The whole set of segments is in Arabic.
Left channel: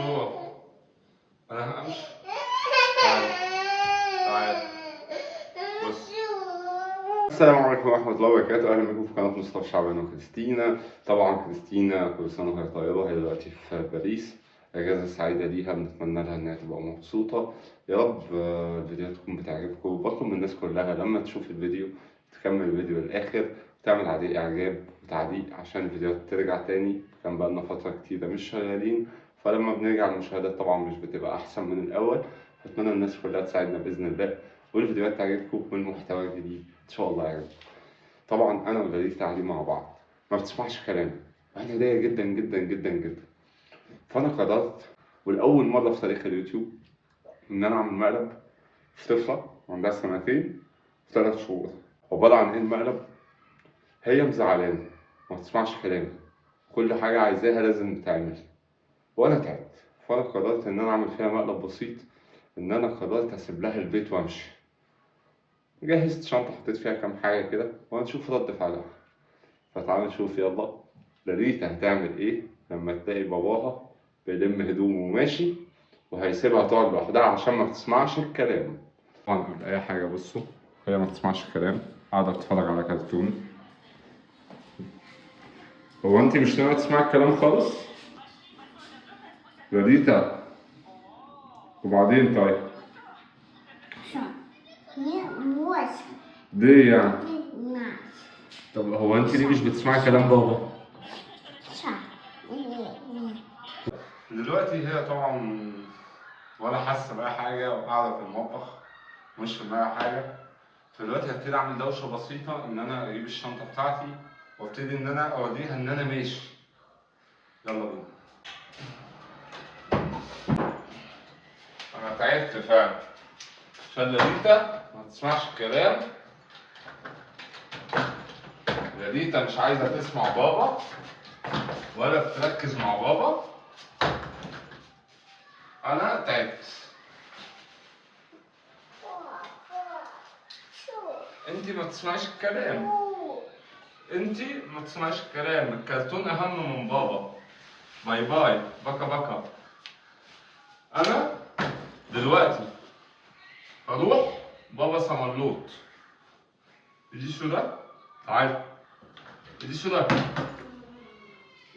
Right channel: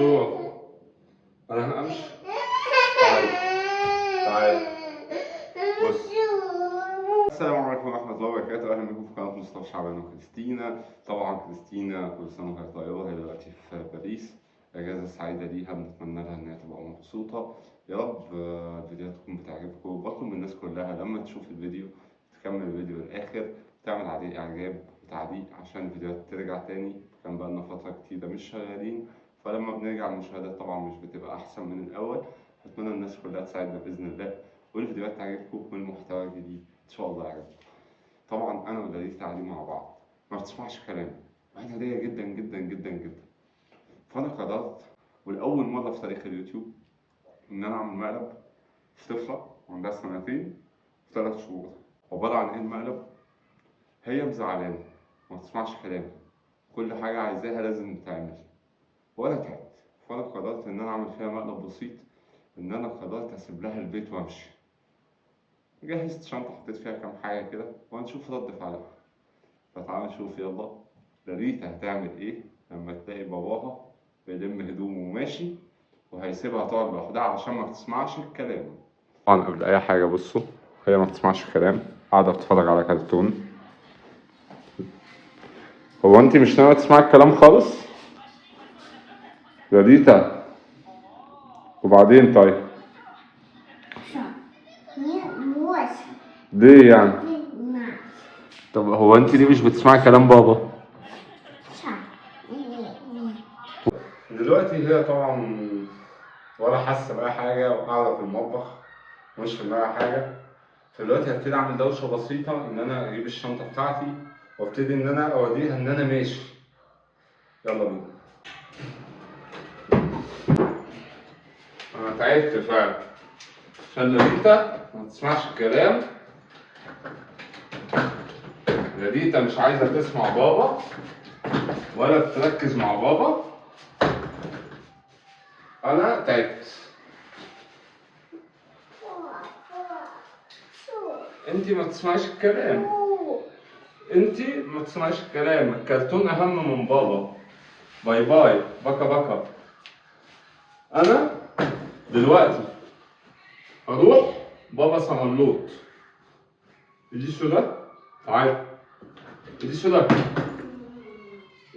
شو؟ أنا همشي. تعال تعال بص. السلام عليكم ورحمة الله وبركاته، أهلا بكم في قناة مصطفى شعبان وكريستينا. طبعا كريستينا كل سنة وهي طيبة، هي دلوقتي في باريس، أجازة سعيدة ليها، بنتمنى لها إنها تبقى مبسوطة. يا رب الفيديوهات تكون بتعجبكم. بطلب من الناس كلها لما تشوف الفيديو تكمل الفيديو للآخر، تعمل عليه إعجاب وتعليق عشان الفيديوهات ترجع تاني. كان بقالنا فترة كتيرة مش شغالين، فلما بنرجع المشاهدات طبعا مش بتبقى أحسن من الأول. أتمنى الناس كلها تساعدنا بإذن الله، والفيديوهات تعجبكم والمحتوى الجديد إن شاء الله يعجبكم. طبعا أنا ودليل تعليم مع بعض، ما بتسمعش كلامي، وأنا هدية جدا جدا جدا جدا. فأنا قررت والأول مرة في تاريخ اليوتيوب إن أنا أعمل مقلب في طفلة عندها سنتين و3 شهور. عبارة عن إيه المقلب؟ هي مزعلانة، ما بتسمعش كلامي، كل حاجة عايزاها لازم تتعمل، وأنا تعبت. فأنا قررت إن أنا أعمل فيها مقلب بسيط، إن أنا قررت أسيب لها البيت وأمشي. جهزت شنطة حطيت فيها كام حاجة كده وهنشوف رد فعلها. فتعالوا نشوف يلا لاريتا هتعمل ايه لما تلاقي باباها بيلم هدومه وماشي وهيسيبها تقعد لوحدها عشان ما بتسمعش الكلام. طبعا قبل اي حاجة بصوا، هي ما بتسمعش الكلام، قاعدة بتتفرج على كرتون. هو انت مش ناوية تسمعي الكلام خالص؟ لاريتا وبعدين طيب؟ ليه يعني؟ طب هو انت ليه مش بتسمعي كلام بابا؟ دلوقتي هي طبعا ولا حاسه بأي حاجه وقاعده في المطبخ مش في دماغها حاجه. فدلوقتي هبتدي اعمل دوشه بسيطه، ان انا اجيب الشنطه بتاعتي وابتدي ان انا اوريها ان انا ماشي. يلا بينا. انا تعبت فعلا عشان لاريتا ما تسمعش الكلام. لاريتا مش عايزه تسمع بابا ولا تركز مع بابا. انا تعبت. انتي ما بتسمعيش الكلام، انتي ما بتسمعيش الكلام، الكرتون اهم من بابا. باي باي بكا بكا. انا دلوقتي هروح بابا صملوط. ايدي شو ده؟ تعالى. ايدي شو ده؟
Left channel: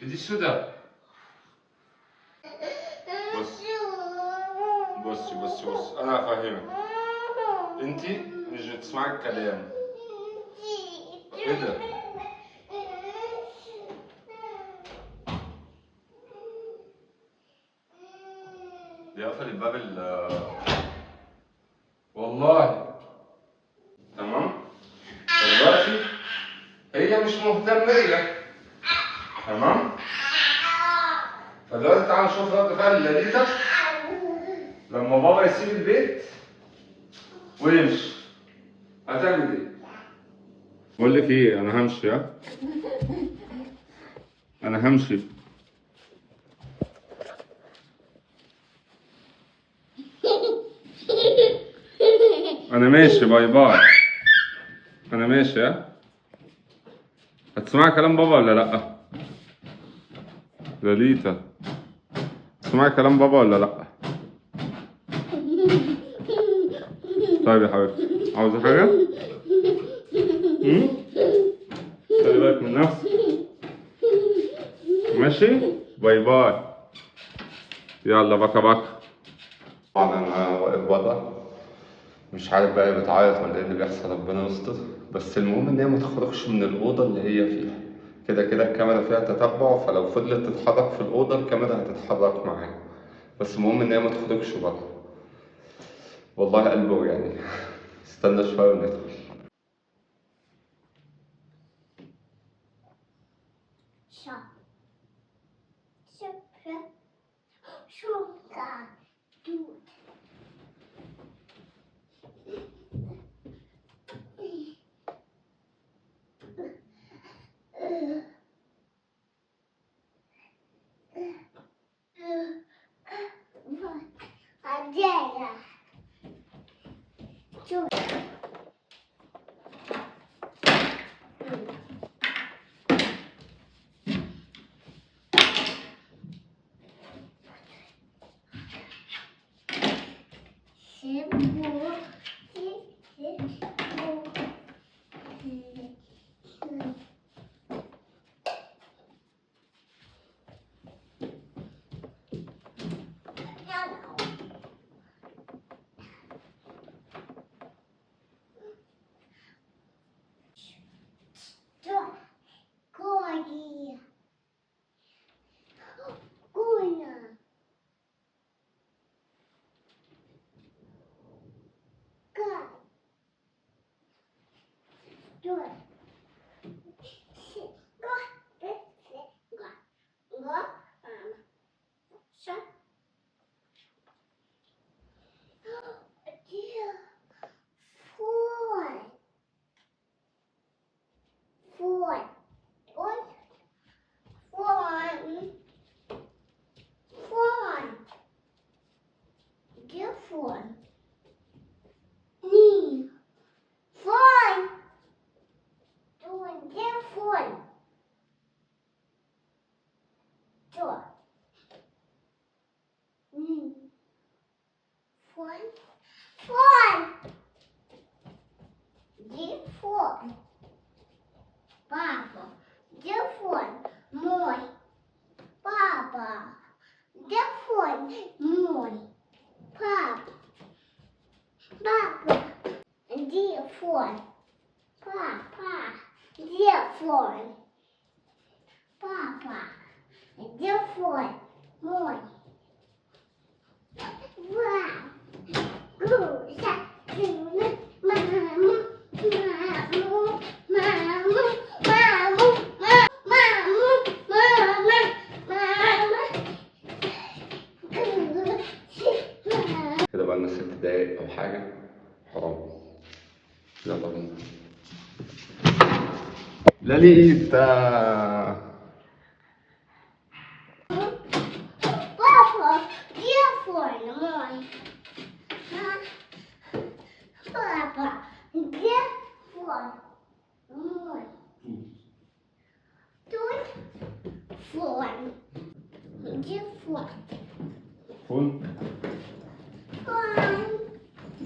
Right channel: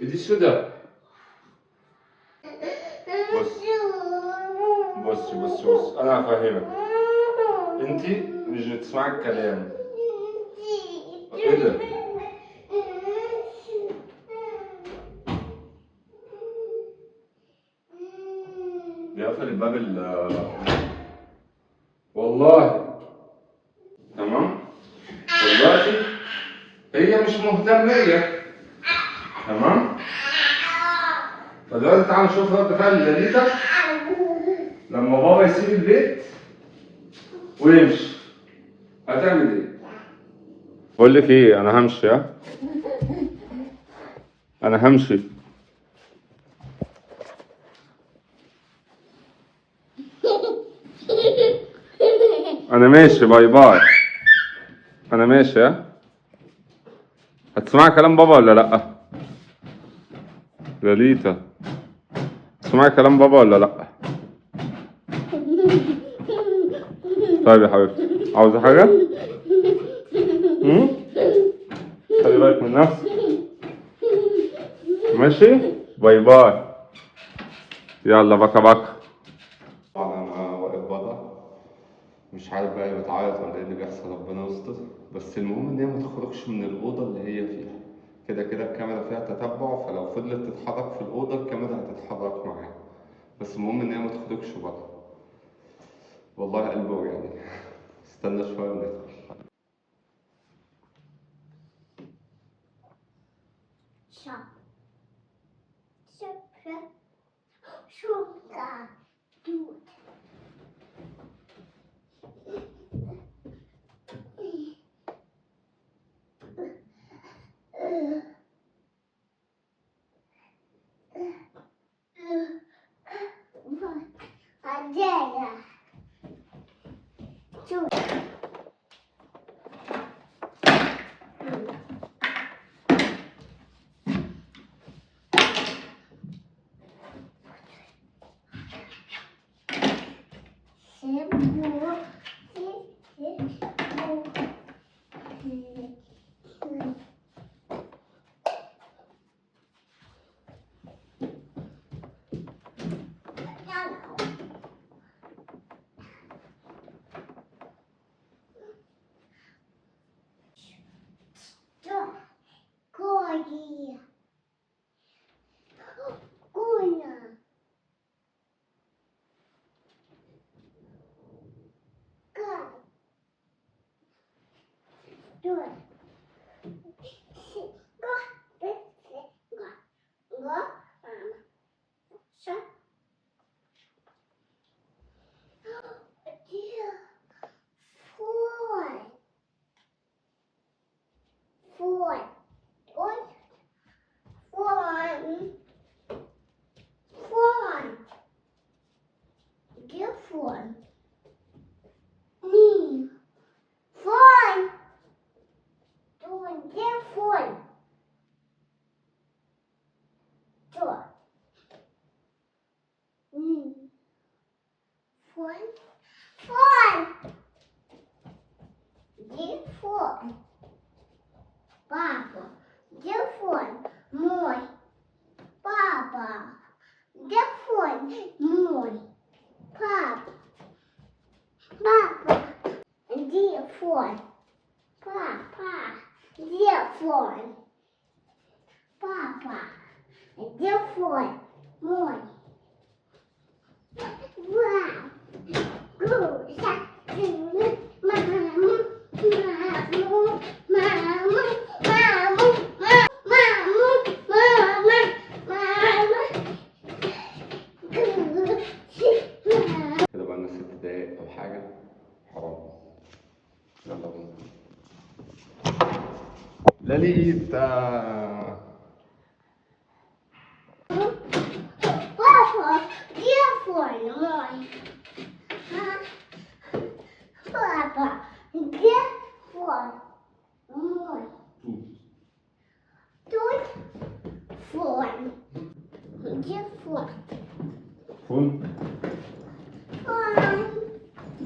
ايدي شو ده؟ بص بص بص بص، انا هفهمك. انتي مش بتسمعي الكلام. ايه ده؟ دي قفل الباب والله. تمام؟ دلوقتي هي مش مهتمية. تمام؟ فدلوقتي تعالى نشوف رد فعل لاريتا لما بابا يسيب البيت ويمشي. هتعمل ايه؟ بقول لك ايه، انا همشي. ها؟ انا همشي. انا ماشي، باي باي. انا ماشي. ها؟ هتسمعي كلام بابا ولا لا؟ لاليتا تسمعي كلام بابا ولا لا؟ طيب يا حبيبتي، عاوزة حاجة؟ خلي بالك من نفسك. ماشي؟ باي باي. يلا بكا بكا. طبعا انا واقف بره مش عارف بقى بتعيط ولا ايه اللي بيحصل، ربنا يستر. بس المهم ان هي ما تخرجش من الاوضه اللي هي فيها. كده كده الكاميرا فيها تتبع، فلو فضلت تتحرك في الاوضه الكاميرا هتتحرك معاها. بس المهم ان هي ما تخرجش بره. والله قلبي وجعني. استنى شويه وندخل. كده بقالنا 6 دقايق أو حاجة. حرام. يلا بينا. لاليتا.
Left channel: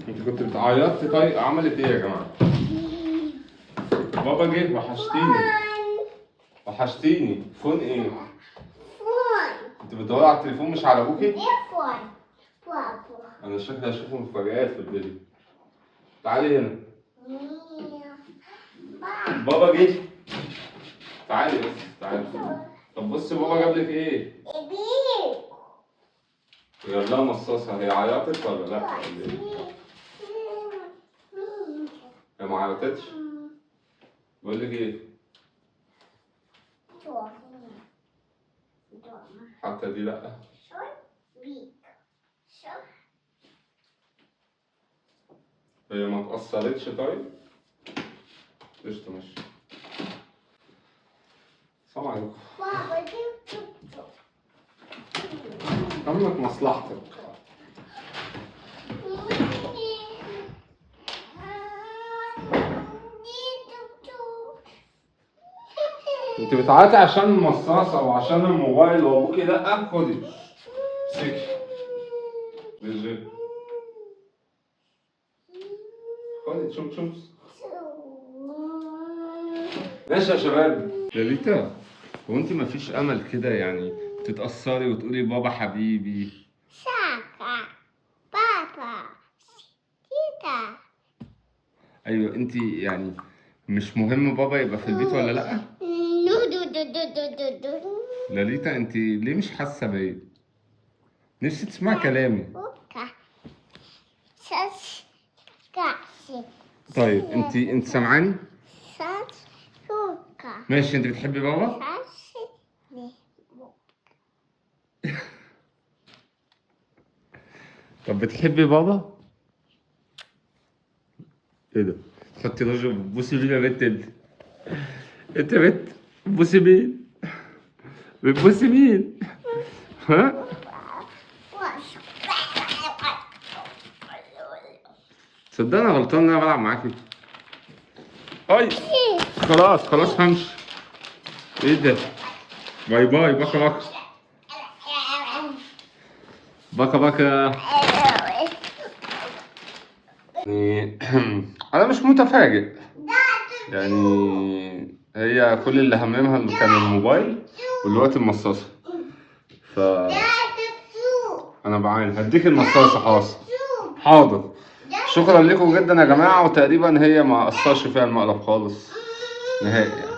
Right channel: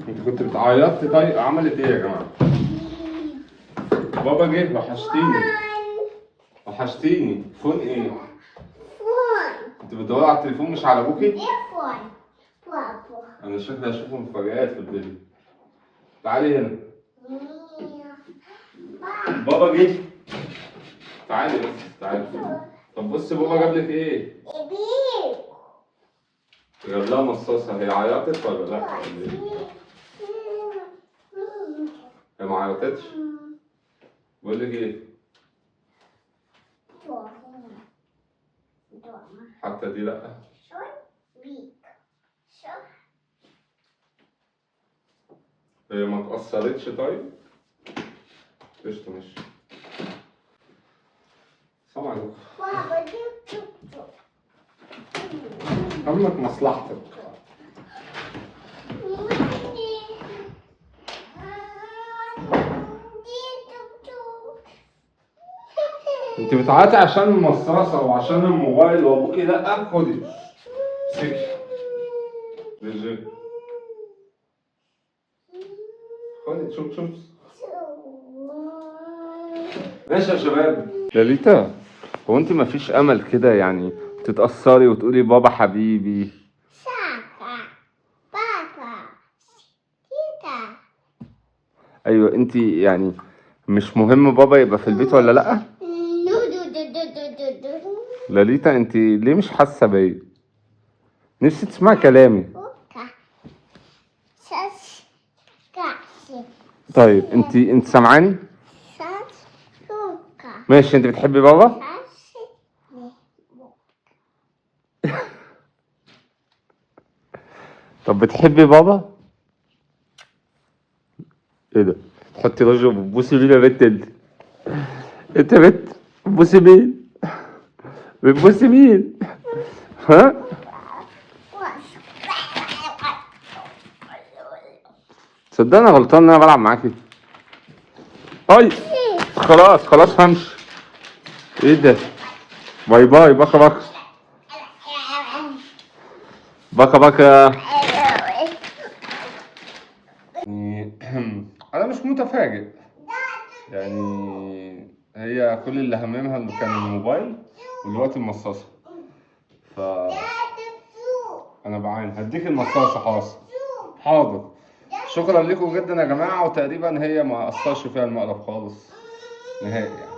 انت كنت بتعيطي؟ طيب عملت ايه يا جماعه؟ بابا جه. وحشتيني. فون ايه؟ انت بتدوري على التليفون مش على ابوكي؟ انا شكلي هشوف مفاجآت في الفيديو. تعالي هنا. بابا جه. تعالي بس تعالي. طب بصي بابا جاب لك ايه؟ جاب لها مصاصة. هي عيطت ولا لا؟ هي ما عيطتش؟ بقول لك ايه؟ حتى دي لا. هي ما اتأثرتش طيب؟ قشطة ماشي. السلام عليكم. عملت مصلحتك. انت بتعيطي عشان المصاصة وعشان الموبايل وابوكي لا؟ خدي. سكي. بيجي. خدي شوف. ماشي يا شباب. لاليتا، هو انت مفيش امل كده يعني تتأثري وتقولي بابا حبيبي؟ بابا تيتا. ايوه انت يعني مش مهم بابا يبقى في البيت ولا لا؟ لاليتا انت ليه مش حاسه بيا؟ نفسي تسمعي كلامي. طيب انت سامعاني؟ ماشي. انت بتحبي بابا؟ طب بتحبي بابا؟ ايه ده؟ حطي رجل بتبوسي مين يا بنت انت؟ انت بنت بتبوسي مين؟ بتبوسي مين؟ ها؟ صدق انا غلطان ان انا بلعب معاكي. طيب خلاص همشي. ايه ده؟ باي باي. بكا بكا. يعني انا مش متفاجئ، يعني هي كل اللي هممها كان الموبايل والوقت المصاصة. ف انا بعين هديك المصاصة. حاضر. شكرا لكم جدا يا جماعة، وتقريبا هي ما اثرش فيها المقلب خالص نهائي يعني.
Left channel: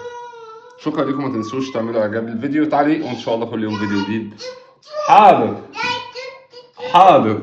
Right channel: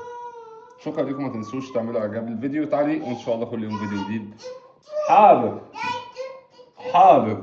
شكرا لكم، ما تنسوش تعملوا اعجاب للفيديو وتعليق، وان شاء الله كل يوم فيديو جديد. حاضر.